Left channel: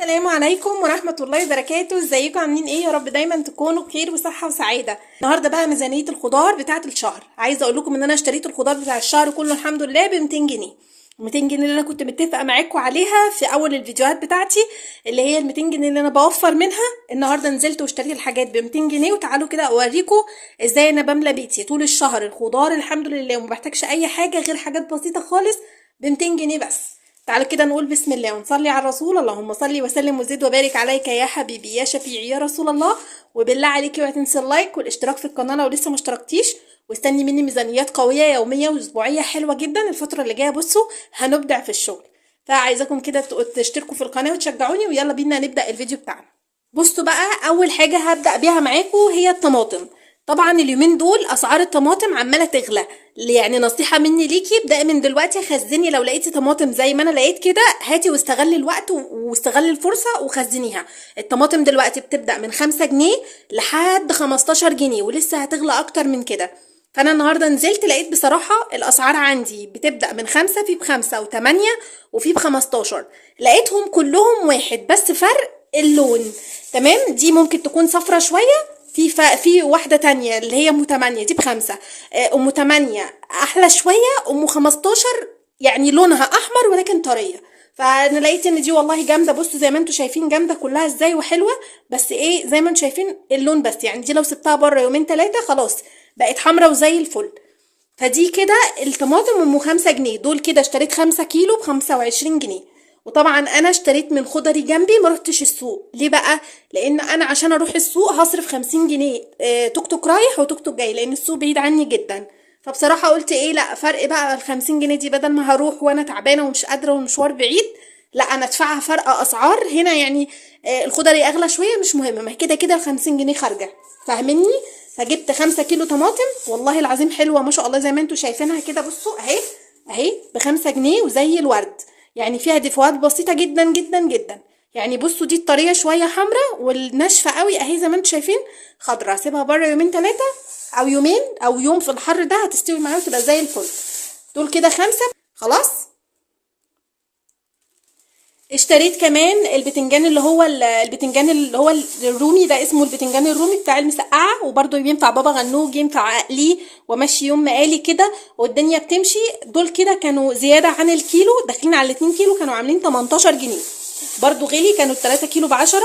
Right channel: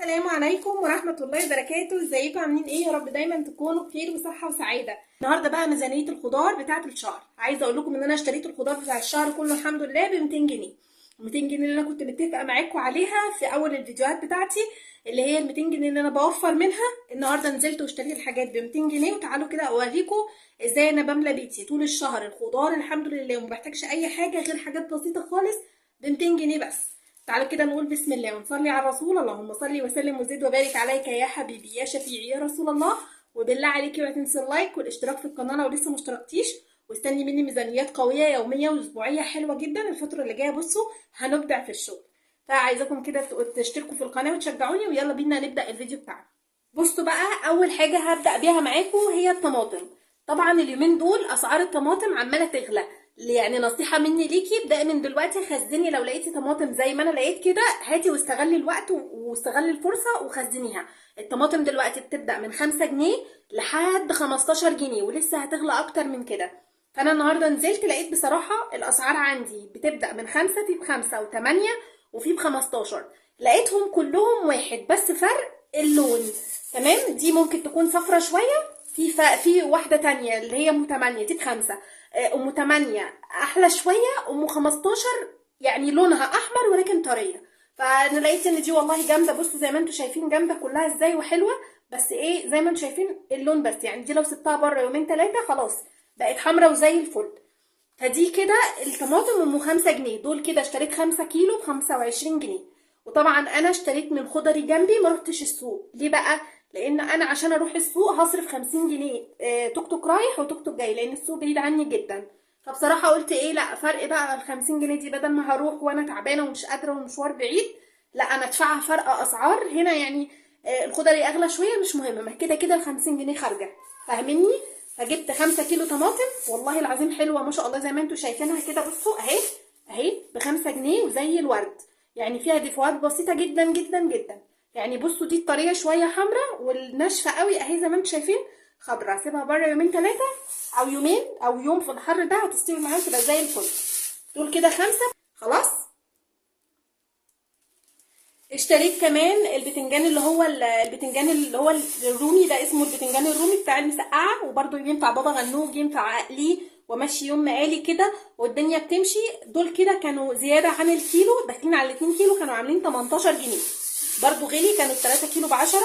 السلام عليكم ورحمة الله وبركاته. ازيكم عاملين ايه؟ يا رب دايما تكونوا بخير وصحة وسعادة. النهاردة بقى ميزانية الخضار بتاعة الشهر. عايزة اقول لكم ان انا اشتريت الخضار بتاع الشهر كله الحمد لله ب 200 جنيه. 200 جنيه اللي انا كنت متفقة معاكم عليها في اول الفيديوهات بتاعتي، اللي هي ال 200 جنيه اللي انا بوفر منها. النهاردة نزلت واشتريت الحاجات ب 200 جنيه، وتعالوا كده اوريكم ازاي انا بملى بيتي طول الشهر الخضار الحمد لله، وما بحتاجش اي حاجة غير حاجات بسيطة خالص ب 200 جنيه بس. تعالوا كده نقول بسم الله ونصلي على الرسول. اللهم صل وسلم وزد وبارك عليك يا حبيبي يا شفيعي يا رسول الله. وبالله عليكي ما تنسي اللايك والاشتراك في القناه لو لسه ما اشتركتيش، واستني مني ميزانيات قويه يوميه واسبوعيه حلوه جدا الفتره اللي جايه. بصوا هنبدع في الشغل، فعايزاكم كده تشتركوا في القناه وتشجعوني، ويلا بينا نبدا الفيديو بتاعنا. بصوا بقى، اول حاجه هبدا بيها معاكم هي الطماطم. طبعا اليومين دول اسعار الطماطم عماله تغلى، يعني نصيحه مني ليكي ابدأي من دلوقتي خزني. لو لقيتي طماطم زي ما انا لقيت كده هاتي واستغلي الوقت واستغلي الفرصه وخزنيها. الطماطم دلوقتي بتبدأ من 5 جنيه لحد 15 جنيه، ولسه هتغلى اكتر من كده. فانا النهارده نزلت لقيت بصراحه الاسعار عندي بتبدأ من 5، في ب5 و8 وفي ب15. لقيتهم كلهم واحد بس فرق اللون. تمام، دي ممكن تكون صفرة شوية. في واحدة تانية اللي هي ام 8 دي ب5. ام 8 احلى شوية. ام 15 يعني لونها احمر ولكن طرية. فانا لقيت ان دي والله جامدة. بصوا زي ما انتوا شايفين جامدة كلها ازاي وحلوة، بس ايه زي ما انتوا شايفين اللون بس. يعني دي لو سبتها بره يومين 3 خلاص بقت حمرا وزي الفل. فدي كده الطماطم ام 5 جنيه. دول كده اشتريت 5 كيلو ب25 جنيه. وطبعا انا اشتريت من خضري جنبي، ما رحتش السوق. ليه بقى؟ لان انا عشان اروح السوق هصرف 50 جنيه، توك توك رايح وتوك توك جاي، لان السوق بعيد عني جدا. فبصراحة قلت ايه، لا فرق بقى ال50 جنيه دي، بدل ما هروح وانا تعبانة ومش قادرة والمشوار بعيد، لا انا ادفعها فرق اسعار هنا يعني. الخضري اغلى شوية مش مهم، ما هي كده كده ال50 جنيه خارجة. فاهميني؟ فجبت 5 كيلو طماطم والله العظيم حلوة ما شاء الله زي ما انتوا شايفينها كده. بصوا اهي، اهي ب5 جنيه وزي الورد. يعني فيها دفوات بسيطة جدا جدا جدا. يعني بصوا دي الطرية شوية حمراء، والناشفة قوي اهي زي ما انتوا شايفين خضرا. سيبها بره يومين 3 او يومين او يوم في الحر ده هتستوي معايا وتبقى زي الفل. دول كده 5. خلاص. اشتريت كمان البتنجان اللي هو البتنجان اللي هو الرومي ده، اسمه البتنجان الرومي بتاع المسقعه، وبرده ينفع بابا غنوج، ينفع اقليه وامشي يوم مقالي كده والدنيا بتمشي. دول كده كانوا زياده عن الكيلو، داخلين على 2 كيلو، كانوا عاملين 18 جنيه. برضو غلي، كانوا 3 كيلو ب10.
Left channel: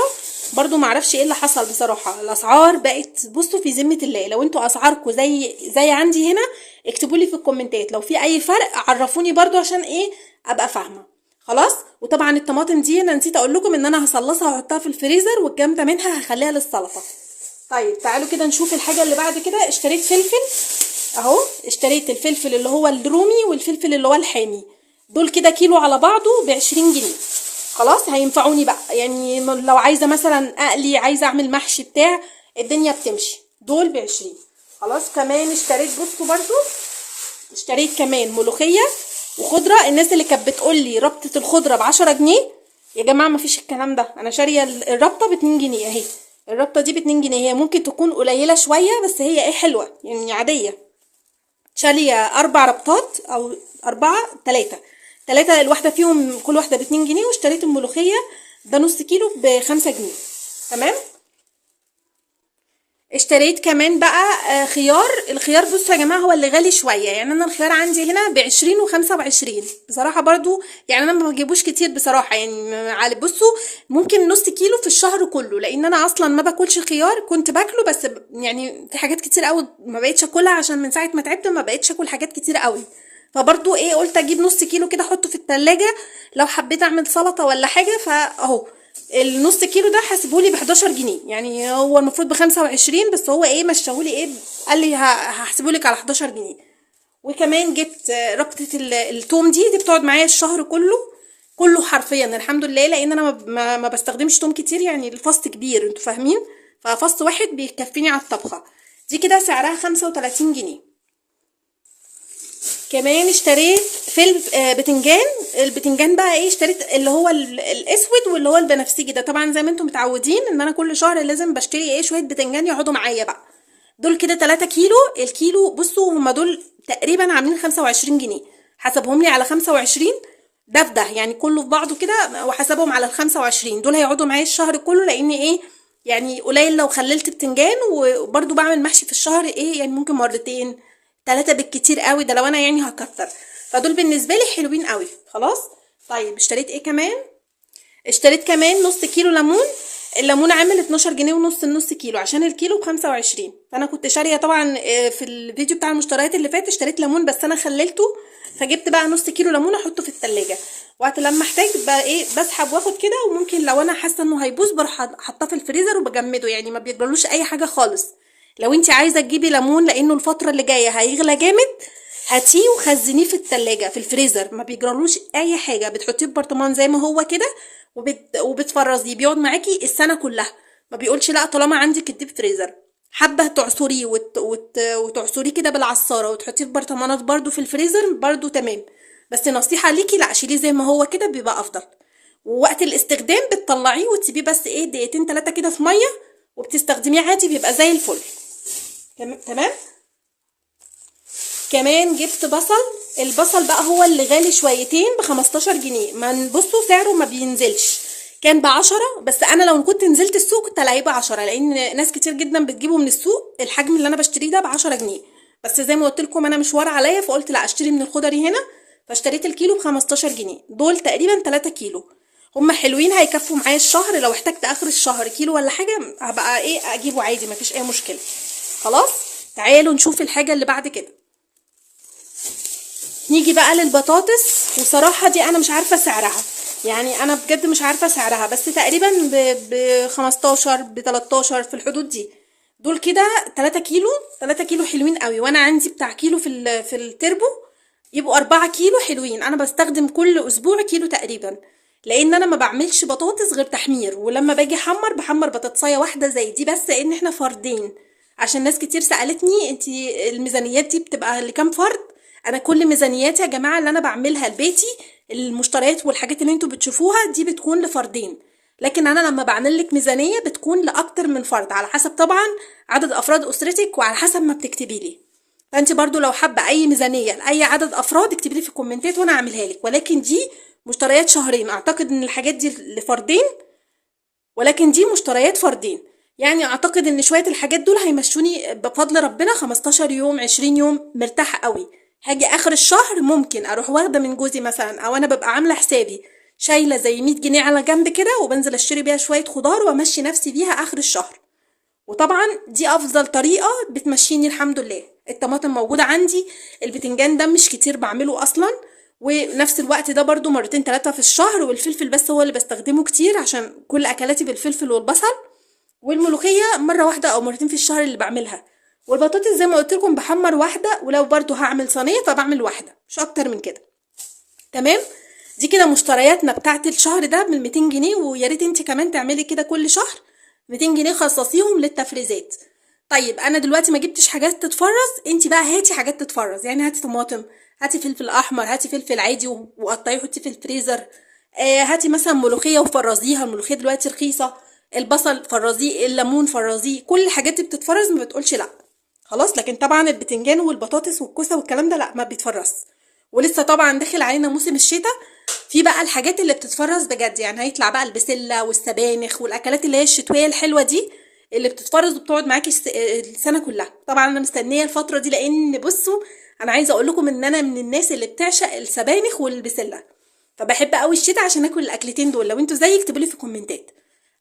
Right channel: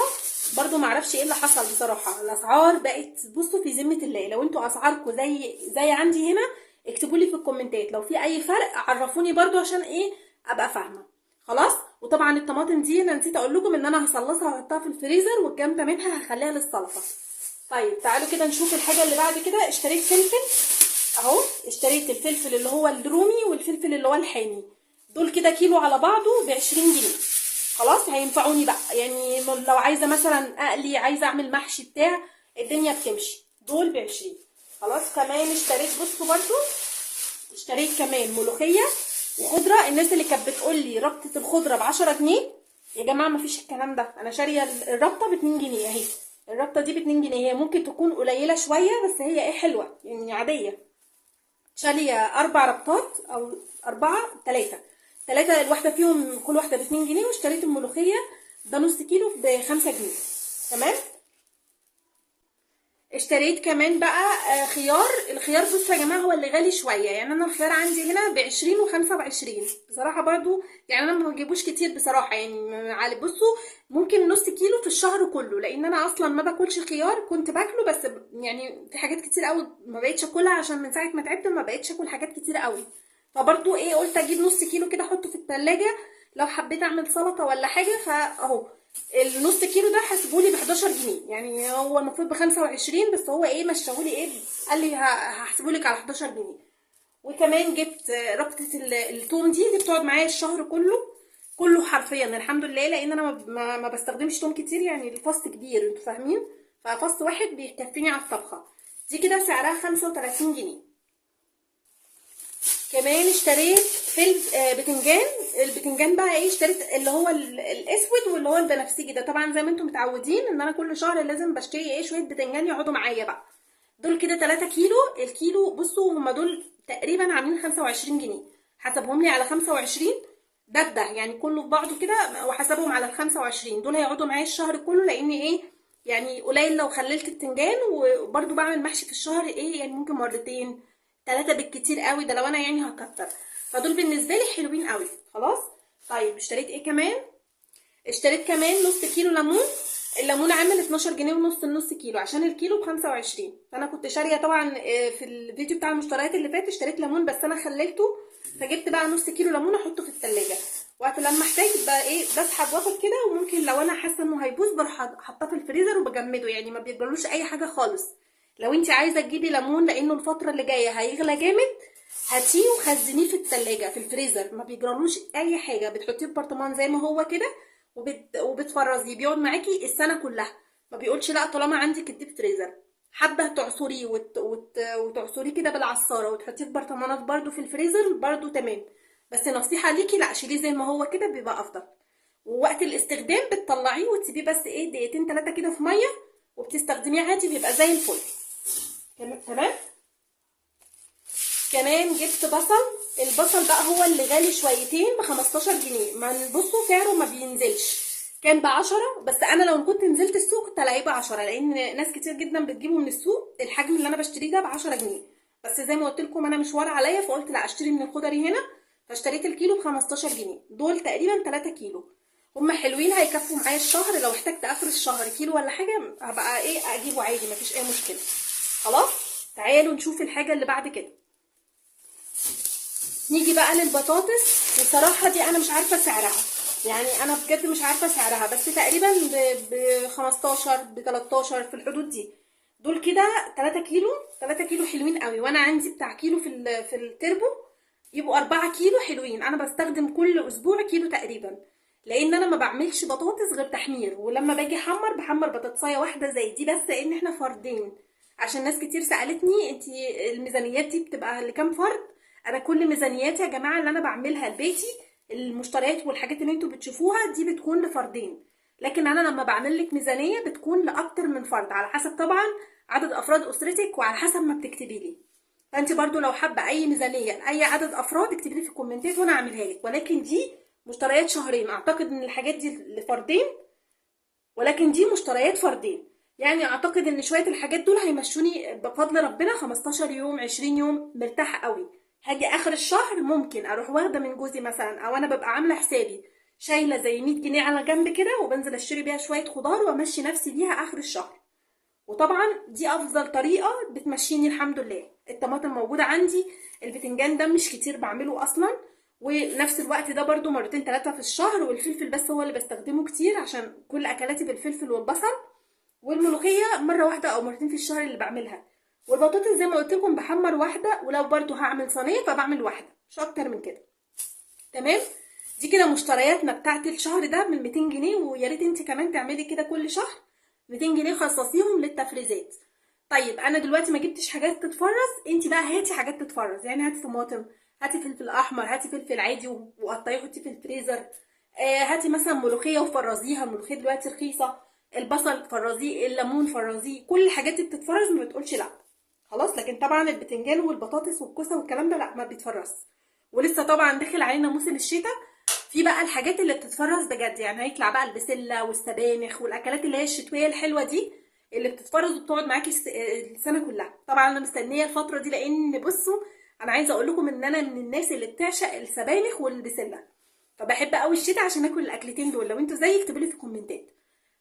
برضو معرفش ايه اللي حصل بصراحه، الاسعار بقت بصوا في ذمه الله. لو انتوا اسعاركم زي عندي هنا اكتبوا لي في الكومنتات لو في اي فرق، عرفوني برضو عشان ايه ابقى فاهمه. خلاص. وطبعا الطماطم دي انا نسيت اقول لكم ان انا هصلصها واحطها في الفريزر، والجامده منها هخليها للسلطه. طيب تعالوا كده نشوف الحاجه اللي بعد كده. اشتريت فلفل اهو. اشتريت الفلفل اللي هو الرومي والفلفل اللي هو الحامي. دول كده كيلو على بعضه ب20 جنيه. خلاص هينفعوني بقى، يعني لو عايزه مثلا اقلي، عايزه اعمل محشي بتاع الدنيا بتمشي. دول ب20. خلاص. كمان اشتريت بصوا برضو، اشتريت كمان ملوخيه وخضره. الناس اللي كانت بتقول لي ربطه الخضره ب10 جنيه، يا جماعه ما فيش الكلام ده. انا شاريه الربطه ب2 جنيه اهي. الربطه دي ب2 جنيه. هي ممكن تكون قليله شويه بس هي ايه حلوه يعني عاديه. شاريه 4 ربطات او 4، 3 الواحده فيهم، كل واحده ب2 جنيه. واشتريت الملوخيه ده نص كيلو ب5 جنيه. تمام. اشتريت كمان بقى خيار. الخيار بصوا يا جماعه هو اللي غالي شويه. يعني انا الخيار عندي هنا ب20 و25 بصراحه برضو. يعني انا ما بجيبوش كتير بصراحه، يعني بصوا ممكن نص كيلو في الشهر كله، لان انا اصلا ما باكلش خيار. كنت باكله بس يعني في حاجات كتير قوي ما بقتش اكلها، عشان من ساعه ما تعبت ما بقتش اكل حاجات كتير قوي. فبرضو ايه قلت اجيب نص كيلو كده احطه في التلاجة لو حبيت اعمل سلطه ولا حاجه. فاهو النص كيلو ده حسبولي ب11 جنيه. يعني هو المفروض ب25 بس هو ايه مشاهولي ايه، قال لي هحسبولك على 11 جنيه. وكمان جبت ربطة التوم دي بتقعد معايا الشهر كله. كله حرفيا الحمد لله، لان انا ما بستخدمش توم كتير. يعني الفص كبير انتوا فاهمين، ففص واحد بيكفيني على الطبخة. دي كده سعرها 35 جنيه. كمان اشتريت بتنجان. البتنجان بقى ايه، اشتريت اللي هو الاسود واللي هو البنفسجي ده. طبعا زي ما انتم متعودين ان انا كل شهر لازم بشتري ايه شويه بتنجان يقعدوا معايا بقى. دول كده 3 كيلو. الكيلو بصوا هما دول تقريبا عاملين 25 جنيه. حسبهم لي على 25 ده في ده يعني كله في بعضه كده، وحسبهم على ال25 دول هيقعدوا معايا الشهر كله، لان ايه يعني قليل لو خللت بتنجان. وبرده بعمل محشي في الشهر ايه يعني ممكن مرتين 3 بالكتير قوي، ده لو انا يعني هكتر. فدول بالنسبه لي حلوين قوي. خلاص. طيب اشتريت ايه كمان؟ اشتريت كمان نص كيلو ليمون. الليمون عامل 12 جنيه ونص النص كيلو، عشان الكيلو ب25. فانا كنت شاريه طبعا في الفيديو بتاع المشتريات اللي فات اشتريت ليمون، بس انا خللته، فجبت بقى نص كيلو ليمون احطه في التلاجة، وقت لما احتاج بقى ايه بسحب واخد كده. وممكن لو انا حاسه انه هيبوظ بروح حاطاه في الفريزر وبجمده، يعني ما بيجرالوش اي حاجه خالص. لو انت عايزه تجيبي ليمون لانه الفتره اللي جايه هيغلى جامد، هاتيه وخزنيه في التلاجة في الفريزر، ما بيجرالوش اي حاجه. بتحطيه في برطمان زي ما هو كده، وبتفرزيه، بيقعد معاكي السنه كلها. ما بيقولش لا طالما عندك الديب فريزر. حابه تعصريه وتعصريه كده بالعصاره وتحطيه في برطمانات برضو في الفريزر برضو تمام. بس نصيحه ليكي لا، شيليه زي ما هو كده بيبقى افضل. ووقت الاستخدام بتطلعيه وتسيبيه بس ايه دقيقتين 3 كده في ميه، وبتستخدميه عادي بيبقى زي الفل. تمام. كمان جبت بصل. البصل بقى هو اللي غالي شويتين ب15 جنيه. ما بصوا سعره ما بينزلش، كان ب10، بس انا لو كنت نزلت السوق كنت الاقيه ب10، لان ناس كتير جدا بتجيبه من السوق. الحجم اللي انا بشتريه ده ب10 جنيه، بس زي ما قلت لكم انا مشوار عليا، فقلت لا اشتري من الخضري هنا. فاشتريت الكيلو ب15 جنيه، دول تقريبا 3 كيلو. هما حلوين هيكفوا معايا الشهر، لو احتجت اخر الشهر كيلو ولا حاجه هبقى ايه اجيبه عادي مفيش اي مشكله. خلاص. تعالوا نشوف الحاجه اللي بعد كده. نيجي بقى للبطاطس. بصراحة دي انا مش عارفة سعرها، يعني انا بجد مش عارفة سعرها، بس تقريبا ب15 ب13 في الحدود دي. دول كده 3 كيلو. 3 كيلو حلوين قوي، وانا عندي بتاع كيلو في التربو، يبقوا 4 كيلو حلوين. انا بستخدم كل اسبوع كيلو تقريبا، لان انا ما بعملش بطاطس غير تحمير، ولما باجي احمر بحمر بطاطسايه واحده زي دي بس، ان احنا فردين. عشان ناس كتير سالتني انتي الميزانيات دي بتبقى لكام فرد. انا كل ميزانياتي يا جماعه اللي انا بعملها لبيتي، المشتريات والحاجات اللي انتوا بتشوفوها دي بتكون لفردين، لكن انا لما بعمل لك ميزانيه بتكون لاكتر من فرد، على حسب طبعا عدد افراد اسرتك وعلى حسب ما بتكتبي لي. فانت برضو لو حابه اي ميزانيه لاي عدد افراد اكتبي لي في الكومنتات وانا اعملها لك، ولكن دي مشتريات شهرين. اعتقد ان الحاجات دي لفردين، ولكن دي مشتريات فردين. يعني اعتقد ان شويه الحاجات دول هيمشوني بفضل ربنا 15 يوم 20 يوم مرتاحه قوي. هاجي اخر الشهر ممكن اروح واخده من جوزي مثلا، او انا ببقى عامله حسابي شايله زي 100 جنيه على جنب كده، وبنزل اشتري بيها شويه خضار وامشي نفسي بيها اخر الشهر. وطبعا دي افضل طريقه بتمشيني الحمد لله. الطماطم موجوده عندي، البتنجان ده مش كتير بعمله اصلا، ونفس الوقت ده برضو مرتين 3 في الشهر. والفلفل بس هو اللي بستخدمه كتير عشان كل اكلاتي بالفلفل والبصل. والملوخيه مره واحده او مرتين في الشهر اللي بعملها. والبطاطس زي ما قلت لكم بحمر واحده، ولو برضو هعمل صينيه فبعمل واحده مش اكتر من كده. تمام. دي كده مشترياتنا بتاعت الشهر ده من 200 جنيه، ويا ريت انت كمان تعملي كده كل شهر 200 جنيه خصصيهم للتفريزات. طيب انا دلوقتي ما جبتش حاجات تتفرز، انت بقى هاتي حاجات تتفرز، يعني هاتي طماطم، هاتي فلفل احمر، هاتي فلفل عادي وقطعيه وحطيه في الفريزر. هاتي مثلا ملوخيه وفرزيها، الملوخيه دلوقتي رخيصه. البصل فرزيه، الليمون فرزيه، كل الحاجات دي بتتفرز ما بتقولش لا. خلاص. لكن طبعا البتنجان والبطاطس والكوسه والكلام ده لا ما بيتفرز. ولسه طبعا داخل علينا موسم الشتاء، في بقى الحاجات اللي بتتفرز بجد، يعني هيطلع بقى البسله والسبانخ والاكلات اللي هي الشتويه الحلوه دي، اللي بتتفرز وبتقعد معاكي السنه كلها. طبعا انا مستنيه الفتره دي، لان بصوا انا عايزه اقول لكم ان انا من الناس اللي بتعشق السبانخ والبسله، فبحب قوي الشتاء عشان اكل الاكلتين دول. لو انتوا زيي اكتبوا لي في الكومنتات.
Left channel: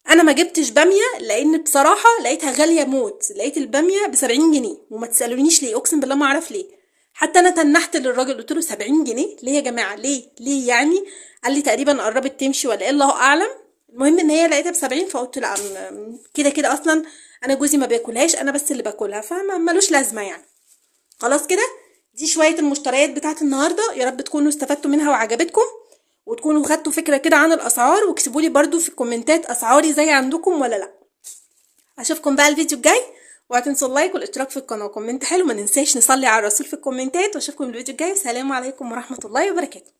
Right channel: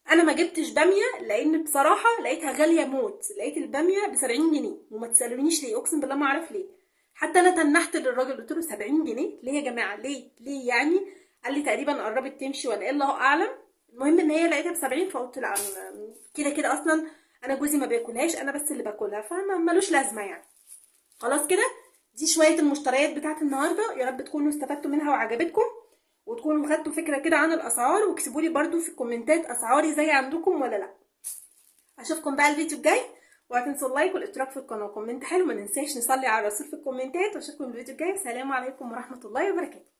انا ما جبتش باميه لان بصراحه لقيتها غاليه موت، لقيت الباميه ب70 جنيه، وما تسالونيش ليه، اقسم بالله ما اعرف ليه. حتى انا تنحت للراجل قلت له 70 جنيه ليه يا جماعه، ليه يعني؟ قال لي تقريبا قربت تمشي ولا ايه الله اعلم. المهم ان هي لقيتها ب70، فقلت لا كده كده اصلا انا جوزي ما بياكلهاش، انا بس اللي باكلها، فما ملوش لازمه يعني. خلاص كده. دي شويه المشتريات بتاعت النهارده، يا رب تكونوا استفدتوا منها وعجبتكم، وتكونوا خدتوا فكره كده عن الاسعار. واكتبوا لي برده في الكومنتات اسعاري زي عندكم ولا لا. اشوفكم بقى الفيديو الجاي، وهتنسوا اللايك والاشتراك في القناه وكومنت حلو. ما ننساش نصلي على الرسول في الكومنتات، واشوفكم الفيديو الجاي. والسلام عليكم ورحمه الله وبركاته.